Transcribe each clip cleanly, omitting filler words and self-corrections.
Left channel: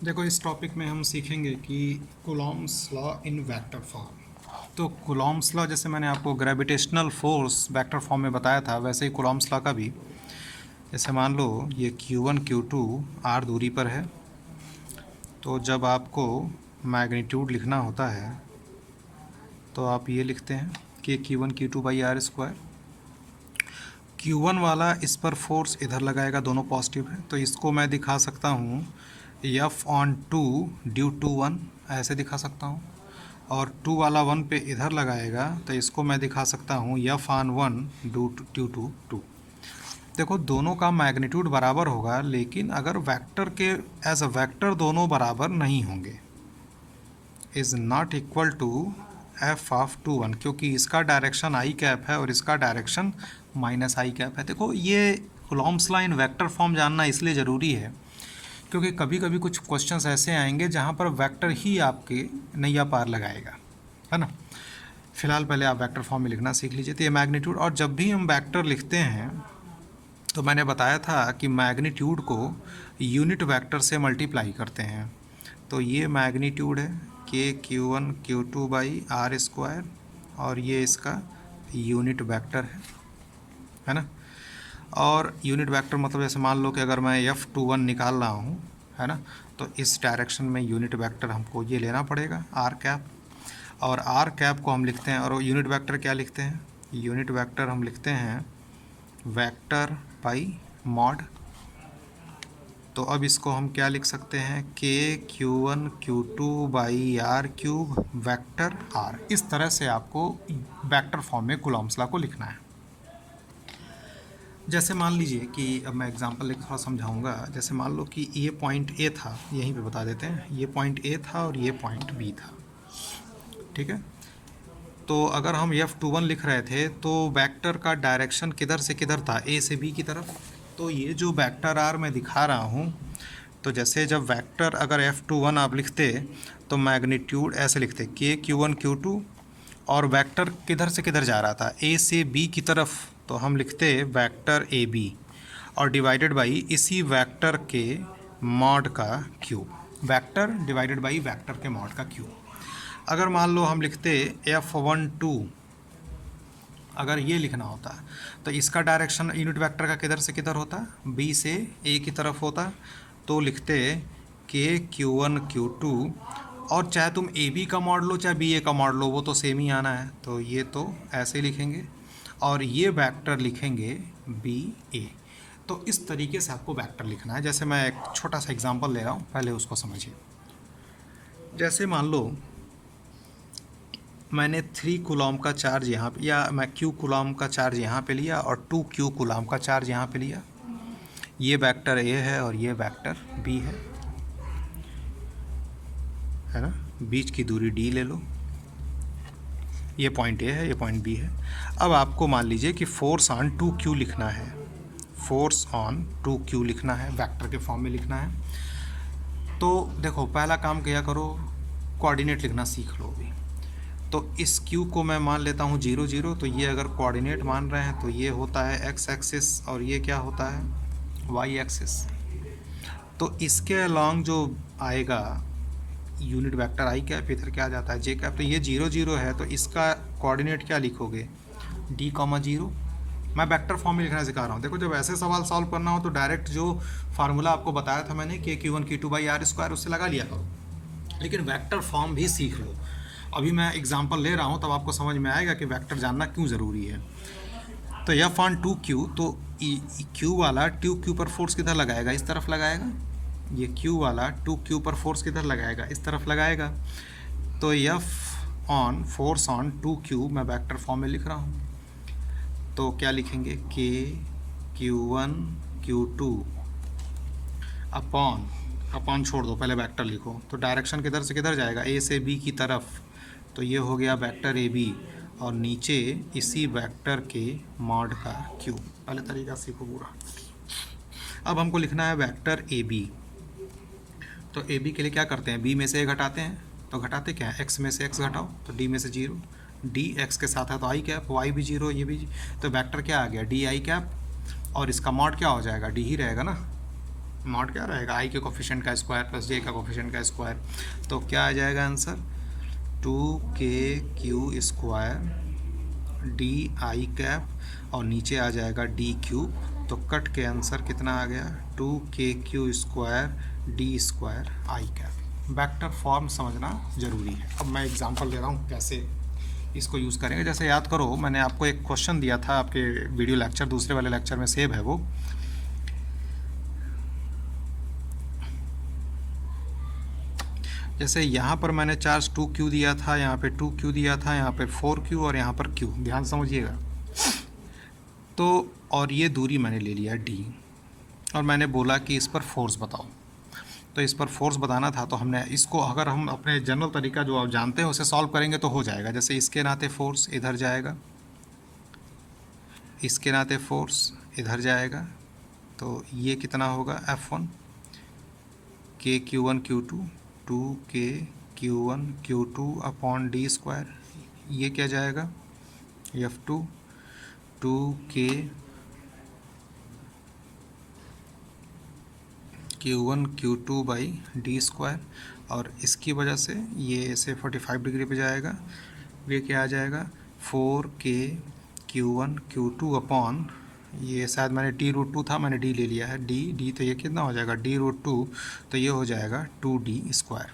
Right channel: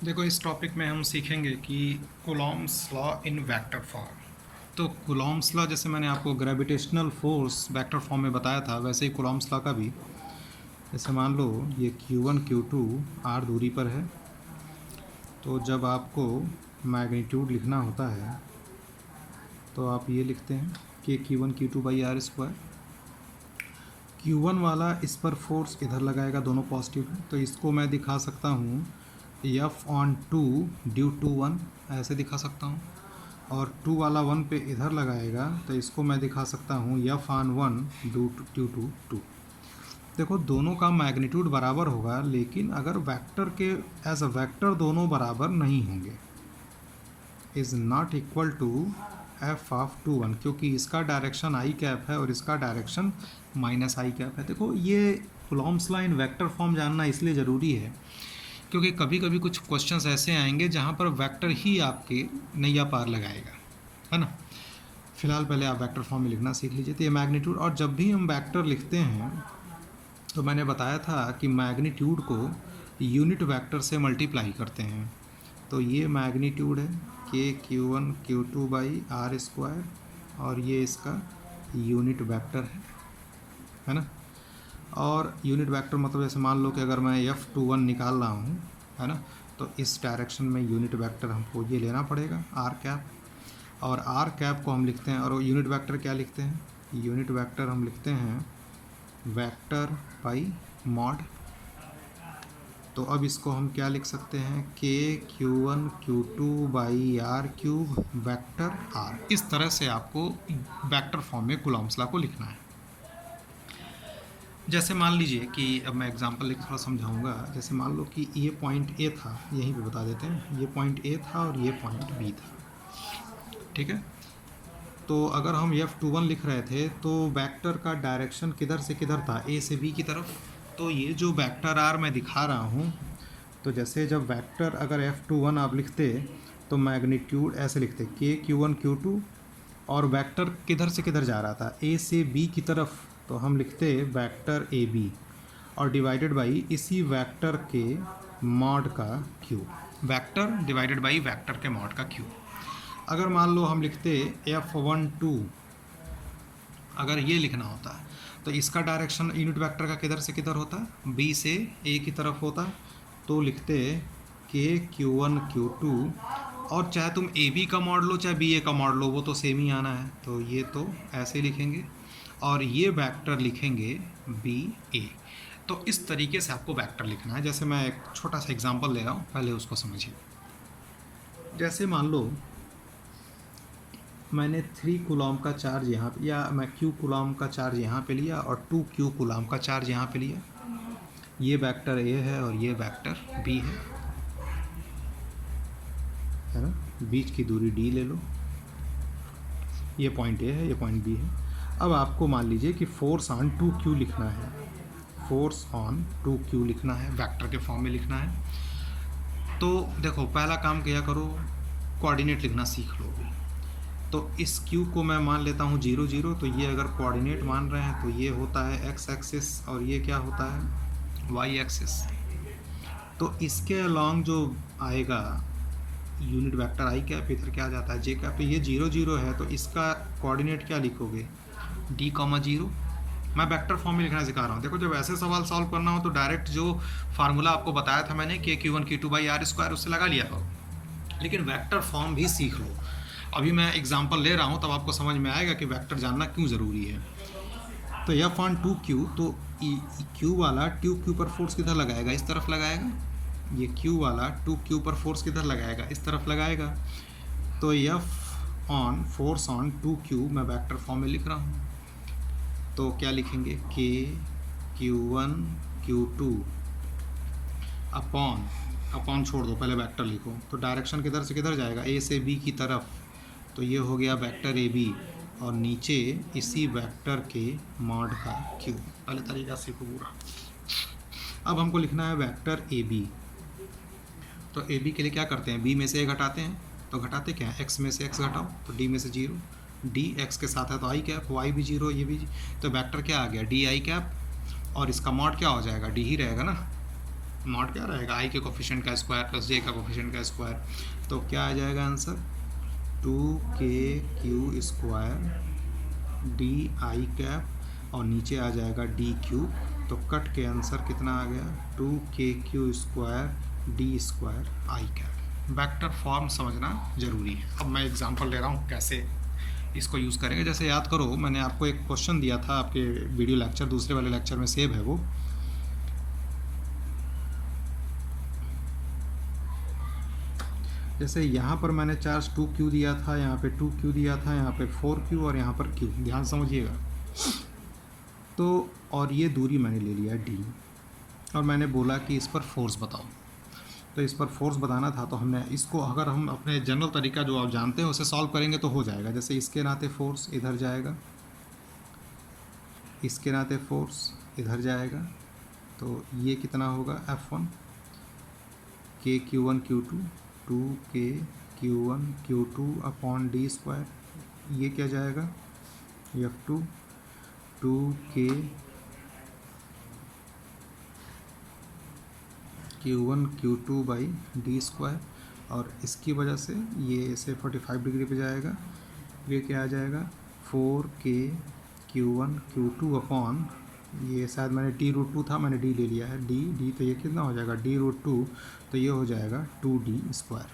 देखो, इस टॉपिक में हम सीखेंगे कि Coulomb's law in vector form. तो कूलॉम्स लॉ, जैसे मैंने आपको ग्रेविटेशनल फोर्स वेक्टर फॉर्म में बताया था, वैसे ही कूलॉम्स लॉ का भी। जैसे मान लो ये Q1 Q2 r दूरी पर है, तो जब आपको मैग्नीट्यूड लिखना होता है तो आप ये लिखते हैं कि Q1 Q2 by are square. Q1 वाला इस पर फोर्स इधर लगाएगा, दोनों पॉजिटिव है, तो इसको मैं दिखा सकता हूँ F/2 ड्यू टू 1, ऐसे दिखा सकता हूँ। और 2 वाला 1 पे इधर लगाएगा तो इसको मैं दिखा सकता हूँ F/1 ड्यू टू 2। देखो, दोनों का मैग्नीट्यूड बराबर होगा, लेकिन अगर वेक्टर के एज अ वेक्टर दोनों बराबर नहीं होंगे, is not equal to F/2 1, क्योंकि इसका डायरेक्शन आई कैप है और इसका डायरेक्शन माइनस आई कैप है। देखो, ये Coulomb's law in vector form जानना इसलिए ज़रूरी है क्योंकि कभी कभी कुछ क्वेश्चंस ऐसे आएंगे जहाँ पर वेक्टर ही आपके नैया पार लगाएगा, है ना। फिलहाल पहले आप वेक्टर फॉर्म में लिखना सीख लीजिए। तो ये मैग्नीट्यूड, और जब भी हम वेक्टर लिखते हैं तो मैंने बताया था कि मैग्नीट्यूड को यूनिट वेक्टर से मल्टीप्लाई करते हैं। तो ये मैग्नीट्यूड है Q1 Q2 by are square, और ये इसका यूनिट वेक्टर है ना। और यूनिट वेक्टर मतलब जैसे मान लो कि अगर मैं F/1 निकाल रहा हूँ, है ना, तो इस डायरेक्शन में यूनिट वेक्टर हमको ये लेना पड़ेगा आर कैप। और आर कैप को हम लिखते हैं, और यूनिट वेक्टर क्या लिखते हैं? यूनिट वेक्टर हम लिखते हैं वेक्टर बाई मॉड। तो अब इसको हम क्या लिख सकते हैं? Q1 Q2 by r cube vector r. इस तरह से आपको वेक्टर फॉर्म में कूलॉम्स लॉ को लिखना है। जैसे मान लीजिए कि अब मैं एग्जांपल लेकर थोड़ा समझाऊंगा। जैसे मान लो कि ये पॉइंट ए था, यहीं पे बता देते हैं, ये पॉइंट ए था और ये पॉइंट बी था, ठीक है। तो अगर हम F/1 लिख रहे थे तो वेक्टर का डायरेक्शन किधर से किधर था? ए से बी की तरफ। तो ये जो वेक्टर आर मैं दिखा रहा हूँ, तो जैसे जब वेक्टर अगर F/1 आप लिखते तो मैग्नीट्यूड ऐसे लिखते Q1 Q2, और वेक्टर किधर से किधर जा रहा था? ए से बी की तरफ, तो हम लिखते वेक्टर ए बी, और डिवाइडेड बाई इसी वेक्टर के मॉड का cube. Vector divided by vector के मॉड का क्यूब। अगर मान लो हम लिखते F/2, अगर ये लिखना होता तो इसका डायरेक्शन यूनिट वेक्टर का किधर से किधर होता? बी से ए की तरफ होता। तो लिखते Q1 Q2, और चाहे तुम ए बी का मॉड लो चाहे बी ए का मॉड लो, वो तो सेम ही आना है। तो ये तो ऐसे लिखेंगे, और ये वेक्टर लिखेंगे बी ए। तो इस तरीके से आपको वेक्टर लिखना है। जैसे मैं एक छोटा सा एग्जांपल ले रहा हूँ, पहले उसको समझिए। जैसे मान लो मैंने 3 कूलॉम का चार्ज यहाँ पे, या मैं Q कूलॉम का चार्ज यहाँ पे लिया और 2 Q कूलॉम का चार्ज यहाँ पे लिया। ये वेक्टर ए है और ये वेक्टर बी है ना। बीच की दूरी d ले लो, ये पॉइंट ए है, ये पॉइंट बी है। अब आपको मान लीजिए कि फोर्स ऑन 2Q लिखना है, फोर्स ऑन 2Q लिखना है, वेक्टर के फॉर्म में लिखना है। तो देखो, पहला काम किया करो, कोऑर्डिनेट लिखना सीख लो अभी। तो इस Q को मैं मान लेता हूँ 0 0, तो ये अगर कोऑर्डिनेट मान रहे हैं तो ये होता है x एक्सिस, और ये क्या होता है? y axis. तो इसके अलॉन्ग जो आएगा यूनिट वेक्टर आई कैप, इधर क्या आ जाता है? j cap. तो ये 0 0 है, तो इसका कोऑर्डिनेट क्या लिखोगे? d, 0। मैं वेक्टर फॉर्म में लिखना सिखा रहा हूँ। देखो, जब ऐसे सवाल सॉल्व करना हो तो डायरेक्ट जो फार्मूला आपको बताया था मैंने Q1 Q2 by are square, उससे लगा लिया करो, लेकिन वेक्टर फॉर्म भी सीख लो। अभी मैं एग्जांपल ले रहा हूँ, तब आपको समझ में आएगा कि वेक्टर जानना क्यों ज़रूरी है। तो F/2Q, तो Q वाला 2Q पर फोर्स किधर लगाएगा? इस तरफ लगाएगा। ये Q वाला 2Q पर फोर्स किधर लगाएगा? इस तरफ लगाएगा। तो फोर्स ऑन 2Q मैं वेक्टर फॉर्म में लिख रहा हूँ। तो क्या लिखेंगे? Q1 Q2 अपॉन छोड़ दो, पहले वेक्टर लिखो। तो डायरेक्शन किधर से किधर जाएगा? ए से बी की तरफ। तो ये हो गया वेक्टर ए बी, और नीचे इसी वेक्टर के मॉड का क्यूब। पहले तरीका सीखो पूरा। अब हमको लिखना है वेक्टर ए बी। तो ए बी के लिए क्या करते हैं? बी में से ए घटाते हैं। तो घटाते क्या है? एक्स में से एक्स घटाओ, तो डी में से 0। डी एक्स के साथ है तो आई कैप, वाई भी 0, ये भी। तो वेक्टर क्या आ गया? डी आई कैप, और इसका मॉड क्या हो जाएगा? डी ही रहेगा ना। नॉट क्या रहेगा, आई के कोफिशिएंट का स्क्वायर प्लस जे का कोफिशिएंट का स्क्वायर, तो क्या आ जाएगा answer 2k square D I cap और नीचे आ जाएगा डी क्यू, तो कट के आंसर कितना आ गया 2k स्क्वायर डी स्क्वायर आई कैप। वेक्टर फॉर्म समझना ज़रूरी है। अब मैं एग्जांपल ले रहा हूँ कैसे इसको यूज़ करेंगे। जैसे याद करो मैंने आपको एक क्वेश्चन दिया था, आपके वीडियो लेक्चर दूसरे वाले लेक्चर में सेव है वो। जैसे यहाँ पर मैंने चार्ज 2q दिया था, यहाँ पे 2q दिया था, यहाँ पे 4q और यहाँ पर q, ध्यान समझिएगा। तो और ये दूरी मैंने ले लिया d और मैंने बोला कि इस पर फोर्स बताओ। तो इस पर फोर्स बताना था, तो हमने इसको अगर हम अपने जनरल तरीका जो आप जानते हैं उसे सॉल्व करेंगे तो हो जाएगा। जैसे इसके नाते फोर्स इधर जाएगा, इसके नाते फोर्स इधर जाएगा, तो ये कितना होगा F1 k q1 q2 2k q1 q2 upon D square, ये क्या जाएगा F2 2k q1 q2 by D square, और इसकी वजह से ये ऐसे 45 डिग्री पे जाएगा, ये क्या आ जाएगा 4k q1 q2 अपॉन, ये शायद मैंने d√2 था, मैंने d ले लिया है, d तो ये कितना हो जाएगा d√2, तो ये हो जाएगा 2d स्क्वायर।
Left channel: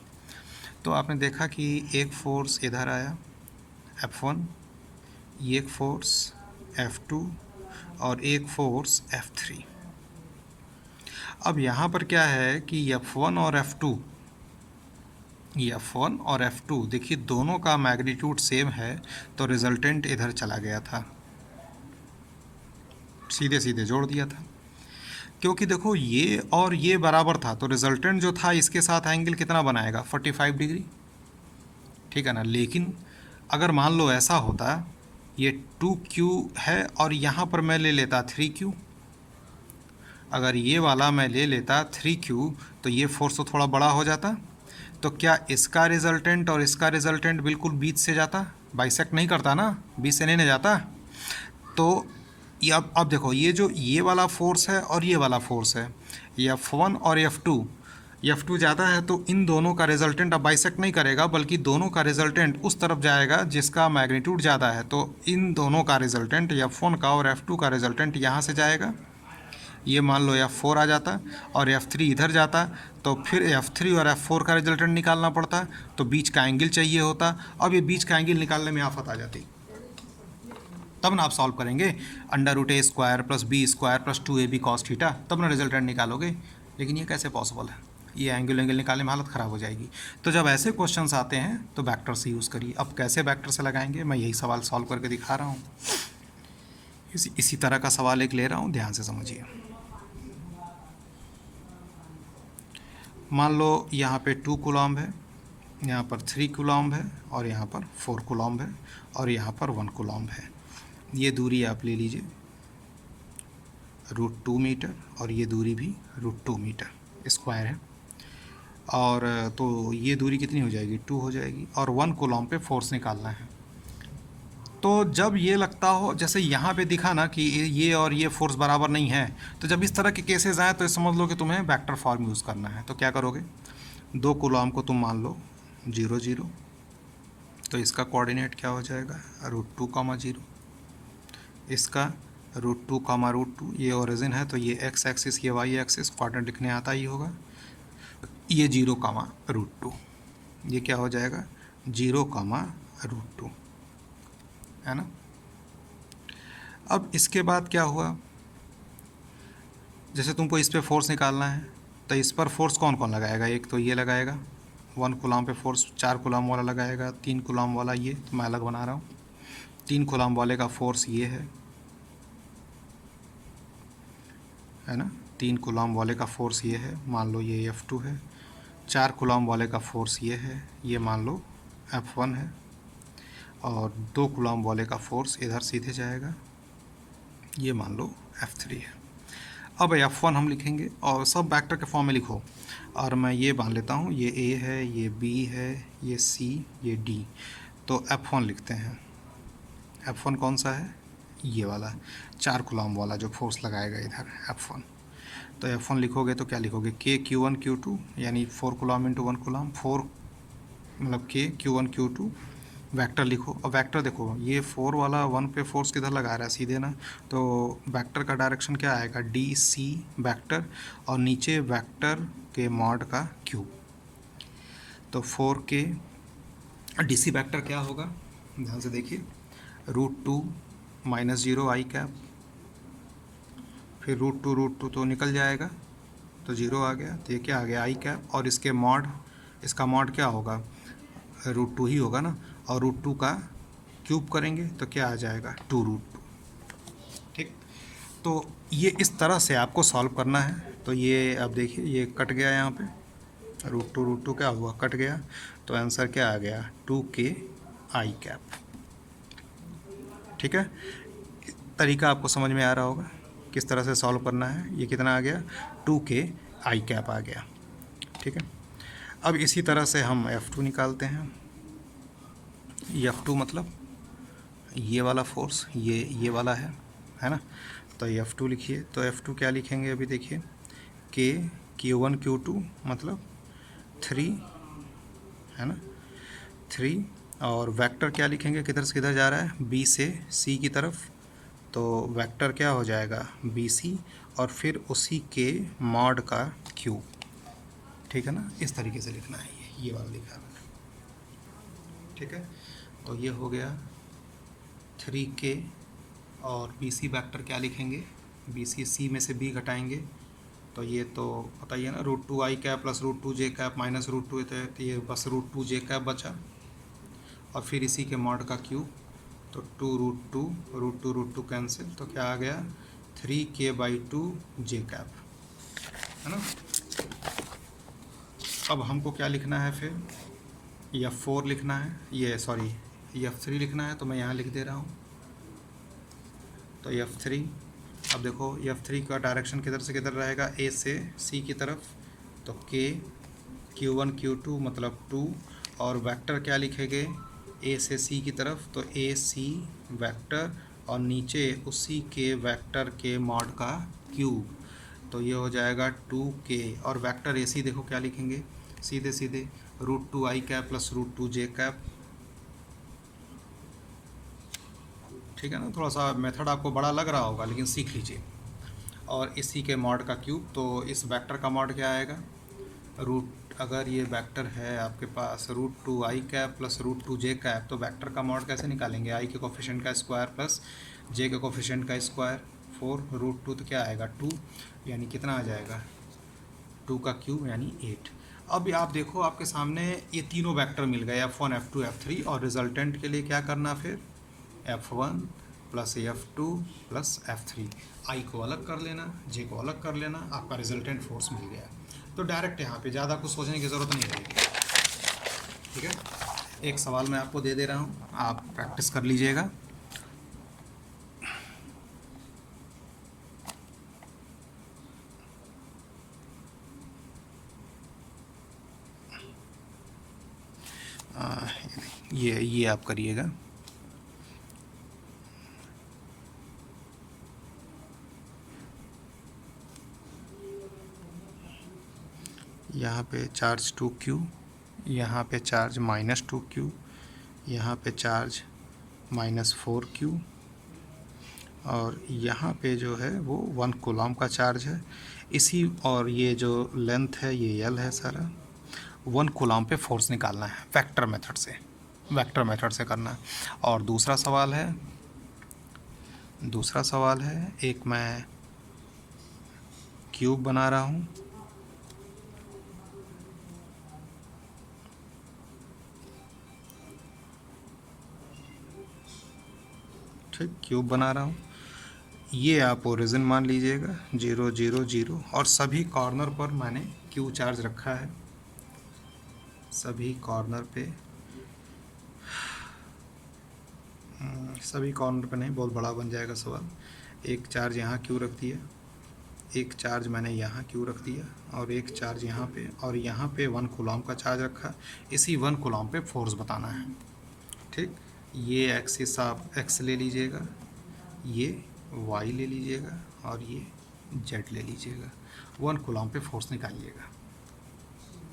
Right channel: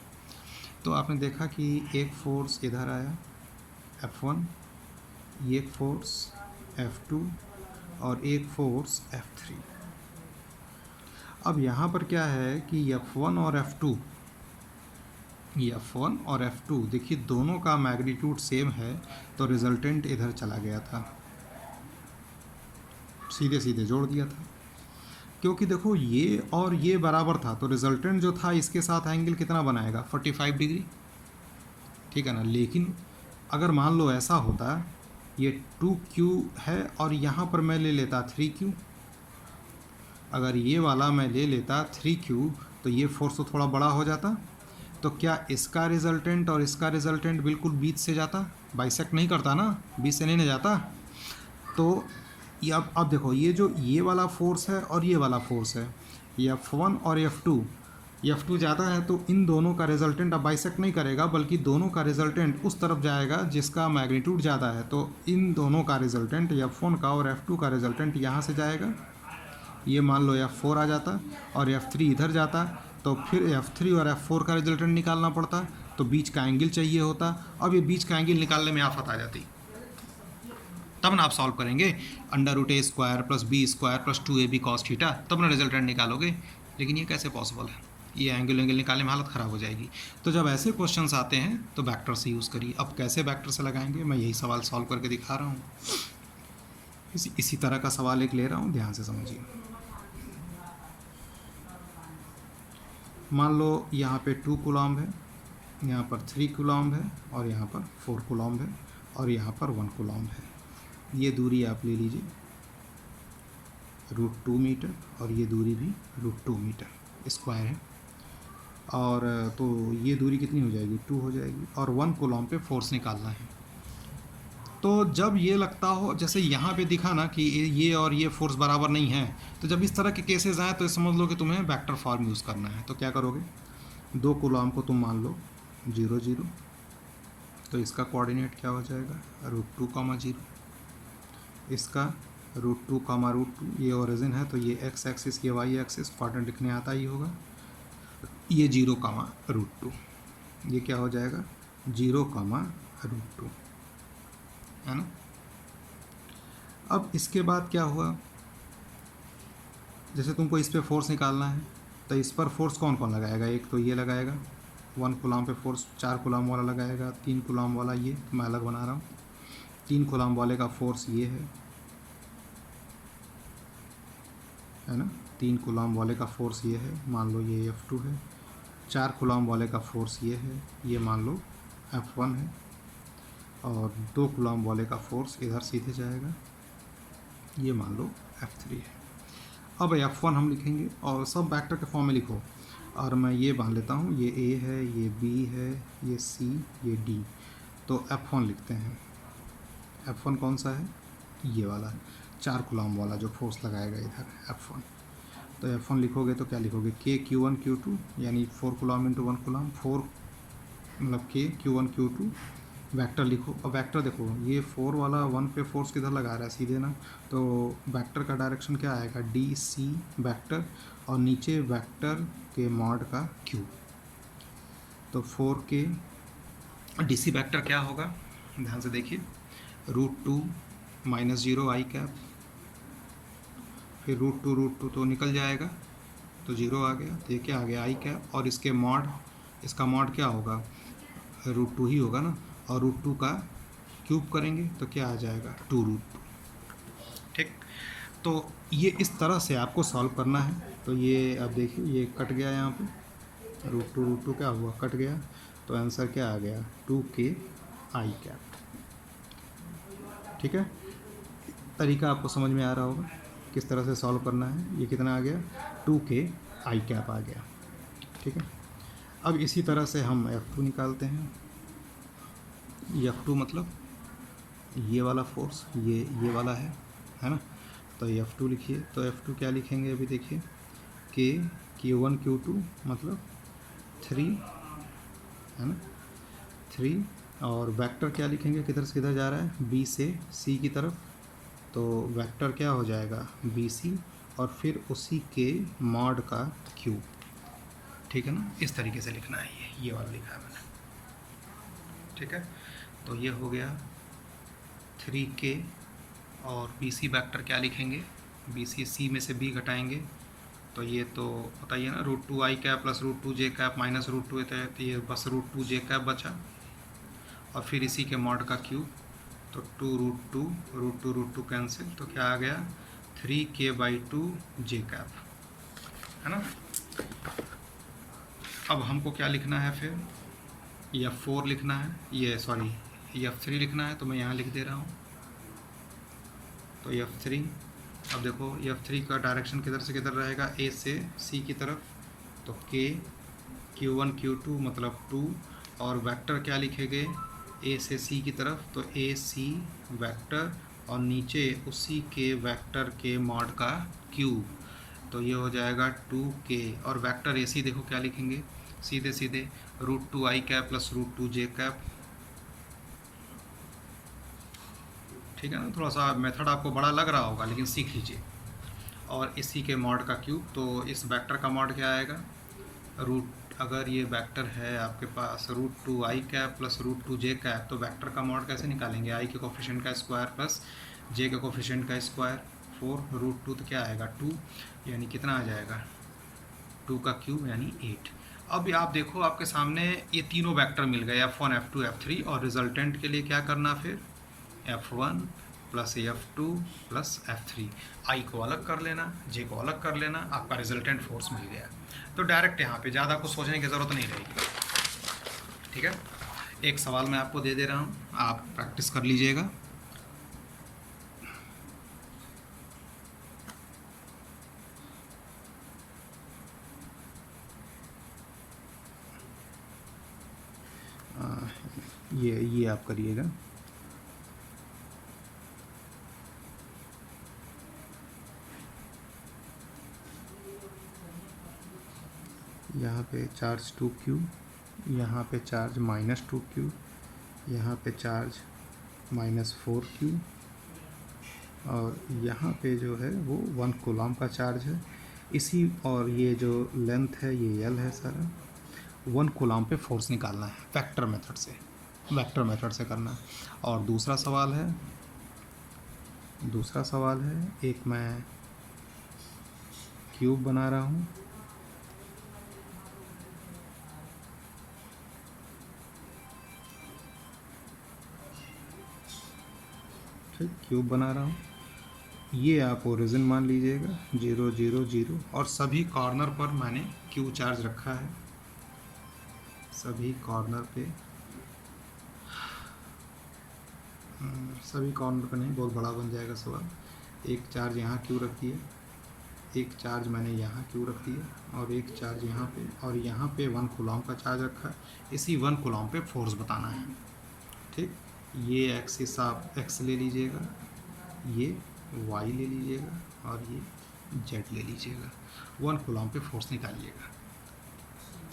तो आपने देखा कि एक फोर्स इधर आया F1, एक फोर्स F2 और एक फोर्स F3। अब यहाँ पर क्या है कि F1 और F2 देखिए दोनों का मैग्नीट्यूड सेम है, तो रिजल्टेंट इधर चला गया था, सीधे सीधे जोड़ दिया था, क्योंकि देखो ये और ये बराबर था, तो रिजल्टेंट जो था इसके साथ एंगल कितना बनाएगा 45 डिग्री, ठीक है ना। लेकिन अगर मान लो ऐसा होता ये 2q है और यहाँ पर मैं ले लेता 3q, अगर ये वाला मैं ले लेता 3q तो ये फोर्स तो थोड़ा बड़ा हो जाता, तो क्या इसका रिजल्टेंट और इसका रिजल्टेंट बिल्कुल बीच से जाता, बाइसेक्ट नहीं करता ना, बीच से नहीं ना जाता। तो ये अब देखो ये जो ये वाला फोर्स है और ये वाला फोर्स है, F1 और F2 ज़्यादा है, तो इन दोनों का रिजल्टेंट अब बाइसेक्ट नहीं करेगा, बल्कि दोनों का रिजल्टेंट उस तरफ जाएगा जिसका मैग्नीट्यूड ज़्यादा है। तो इन दोनों का रिजल्टेंट F1 का और F2 का रिजल्टेंट यहाँ से जाएगा, ये मान लो F4 आ जाता और F3 इधर जाता, तो फिर F3 और F4 का रिजल्टेंट निकालना पड़ता, तो बीच का एंगल चाहिए होता। अब ये बीच का एंगल निकालने में आफत आ जाती, तब ना आप सॉल्व करेंगे √a square plus b square plus 2ab cos theta, तब ना रिजल्टेंट निकालोगे। लेकिन ये कैसे पॉसिबल है, ये एंगल निकालने में हालत ख़राब हो जाएगी। तो जब ऐसे क्वेश्चंस आते हैं तो वेक्टर से यूज़ करिए। अब कैसे वेक्टर से लगाएंगे, मैं यही सवाल सॉल्व करके दिखा रहा हूँ। इसी तरह का सवाल एक ले रहा हूँ, ध्यान से समझिए। मान लो यहाँ पे 2 कूलम्ब है, यहाँ पर 3 कूलम्ब है और यहाँ पर 4 कूलम्ब है और यहाँ पर 1 कूलम्ब है। ये दूरी आप ले लीजिए √2 मीटर और ये दूरी भी √2 मीटर स्क्वायर है, और तो ये दूरी कितनी हो जाएगी 2 हो जाएगी, और 1 कूलम्ब पे फोर्स निकालना है। तो जब ये लगता हो जैसे यहाँ पे दिखा ना कि ये और ये फोर्स बराबर नहीं है, तो जब इस तरह के केसेस आए तो समझ लो कि तुम्हें वेक्टर फॉर्म यूज़ करना है। तो क्या करोगे, 2 कूलम्ब को तुम मान लो 0 0, तो इसका कोऑर्डिनेट क्या हो जाएगा √2, 0, इसका √2, √2, ये ओरिजिन है तो ये x एक्सिस, ये y एक्सिस, कोऑर्डिनेट लिखने आता ही होगा, ये 0, √2, ये क्या हो जाएगा 0, √2, है ना। अब इसके बाद क्या हुआ, जैसे तुमको इस पे फोर्स निकालना है, तो इस पर फोर्स कौन कौन लगाएगा, एक तो ये लगाएगा 1 कूलम्ब पे फोर्स, 4 कूलम्ब वाला लगाएगा, 3 कूलम्ब वाला, ये तो मैं अलग बना रहा हूँ, 3 कूलम्ब वाले का फोर्स ये है ना, 3 कूलम्ब वाले का फोर्स ये है, मान लो ये F2 है, 4 कूलम्ब वाले का फोर्स ये है, ये मान लो F1 है, और 2 कूलम्ब वाले का फोर्स इधर सीधे जाएगा, ये मान लो F3 है। अब F1 हम लिखेंगे और सब वेक्टर के फॉर्म में लिखो, और मैं ये मान लेता हूँ, ये A है, ये B है, ये C, ये D, तो F1 लिखते हैं। F1 कौन सा है, ये वाला 4 कूलम्ब वाला जो फोर्स लगाएगा इधर F1। तो F1 लिखोगे तो क्या लिखोगे, K Q1 Q2 यानी 4 कूलम इंटू 1 कूलम, 4 मतलब K Q1 Q2 वेक्टर लिखो। और वेक्टर देखो ये 4 वाला 1 पे फोर्स किधर लगा रहा है, सीधे ना, तो वेक्टर का डायरेक्शन क्या आएगा, डी सी वेक्टर, और नीचे वेक्टर के मॉड का क्यूब। तो 4K डी सी वेक्टर क्या होगा, ध्यान से देखिए, √2 -0 आई कैप, फिर √2 तो निकल जाएगा तो 0 आ गया, तो ये क्या आ गया आई कैप, और इसके मॉड, इसका मॉड क्या होगा, √2 ही होगा ना, और √2 का क्यूब करेंगे तो क्या आ जाएगा 2√2। ठीक, तो ये इस तरह से आपको सॉल्व करना है। तो ये अब देखिए ये कट गया, यहाँ पे √2 क्या हुआ, कट गया, तो आंसर क्या आ गया 2K आई कैप। ठीक है, तरीका आपको समझ में आ रहा होगा किस तरह से सॉल्व करना है। ये कितना आ गया 2K आई कैप आ गया। ठीक है, अब इसी तरह से हम F2 निकालते हैं। F2 मतलब ये वाला फोर्स, ये वाला है ना, तो F2 लिखिए। तो F2 क्या लिखेंगे, अभी देखिए, K Q1 Q2 मतलब 3 है ना, 3, और वेक्टर क्या लिखेंगे, किधर से किधर जा रहा है, B से C की तरफ, तो वेक्टर क्या हो जाएगा BC, और फिर उसी के मॉड का क्यूब। ठीक है ना, इस तरीके से लिखना है, ये वाला लिखा है मैंने। ठीक है, तो ये हो गया 3K, और BC वेक्टर क्या लिखेंगे, BC C में से B घटाएंगे, तो ये तो पता ही है ना, √2 आई कैप प्लस √2 जे कैप माइनस √2, तो ये बस √2 जे कैप बचा, और फिर इसी के मॉड का क्यूब, तो 2√2 कैंसिल, तो क्या आ गया 3K/2 जे कैप, है ना। अब हमको क्या लिखना है फिर, F4 लिखना है, ये सॉरी F3 लिखना है, तो मैं यहाँ लिख दे रहा हूँ। तो F3, अब देखो F3 का डायरेक्शन किधर से किधर रहेगा, A से C की तरफ, तो K Q1 Q2 मतलब 2, और वेक्टर क्या लिखेंगे A से C की तरफ, तो AC वेक्टर, और नीचे उसी के वेक्टर के मॉड का क्यूब, तो ये हो जाएगा 2K, और वेक्टर AC देखो क्या लिखेंगे, सीधे सीधे √2 आई कैप प्लस √2 जे कैप। ठीक है ना, थोड़ा सा मेथड आपको बड़ा लग रहा होगा लेकिन सीख लीजिए। और इसी के मॉड का क्यूब, तो इस वेक्टर का मॉड क्या आएगा, अगर ये वेक्टर है आपके पास √2 आई कैप प्लस √2 जे कैप, तो वेक्टर का मॉड कैसे निकालेंगे, आई के कोफिशिएंट का स्क्वायर प्लस जे के कोफिशिएंट का स्क्वायर, 4 √2 तो क्या आएगा 2, यानी कितना आ जाएगा 2 का क्यूब यानी 8। अब आप देखो आपके सामने ये तीनों वेक्टर मिल गए, F1 F2 F3, और रिजल्टेंट के लिए क्या करना फिर, F1 plus F2 plus F3, आई को अलग कर लेना, जे को अलग कर लेना, आपका रिजल्टेंट फोर्स मिल गया। तो डायरेक्ट यहाँ पे ज़्यादा कुछ सोचने की ज़रूरत नहीं रहेगी। ठीक है, एक सवाल मैं आपको दे दे रहा हूँ, आप प्रैक्टिस कर लीजिएगा। ये आप करिएगा। यहाँ पे चार्ज 2Q, यहाँ पे चार्ज -2Q, यहाँ पे चार्ज -4Q, और यहाँ पे जो है वो 1 कूलम का चार्ज है इसी, और ये जो लेंथ है ये L है सारा। 1 कूलम पे फोर्स निकालना है वेक्टर मेथड से करना है। और दूसरा सवाल है, एक मैं क्यूब बना रहा हूँ, ठीक, क्यूब बना रहा हूँ, ये आप ओरिजिन मान लीजिएगा 0 0 0, और सभी कॉर्नर पर मैंने क्यू चार्ज रखा है, सभी कॉर्नर पे नहीं, बहुत बड़ा बन जाएगा सवाल। एक चार्ज यहाँ क्यू रख दिया, एक चार्ज मैंने यहाँ क्यू रख दिया, और एक चार्ज यहाँ पे, और यहाँ पे 1 कूलम का चार्ज रखा। इसी 1 कूलम पे फोर्स बताना है। ठीक, ये एक्सिस आप एक्स ले लीजिएगा, ये वाई ले लीजिएगा, और ये जेड ले लीजिएगा, 1 कूलम पे फोर्स निकालिएगा।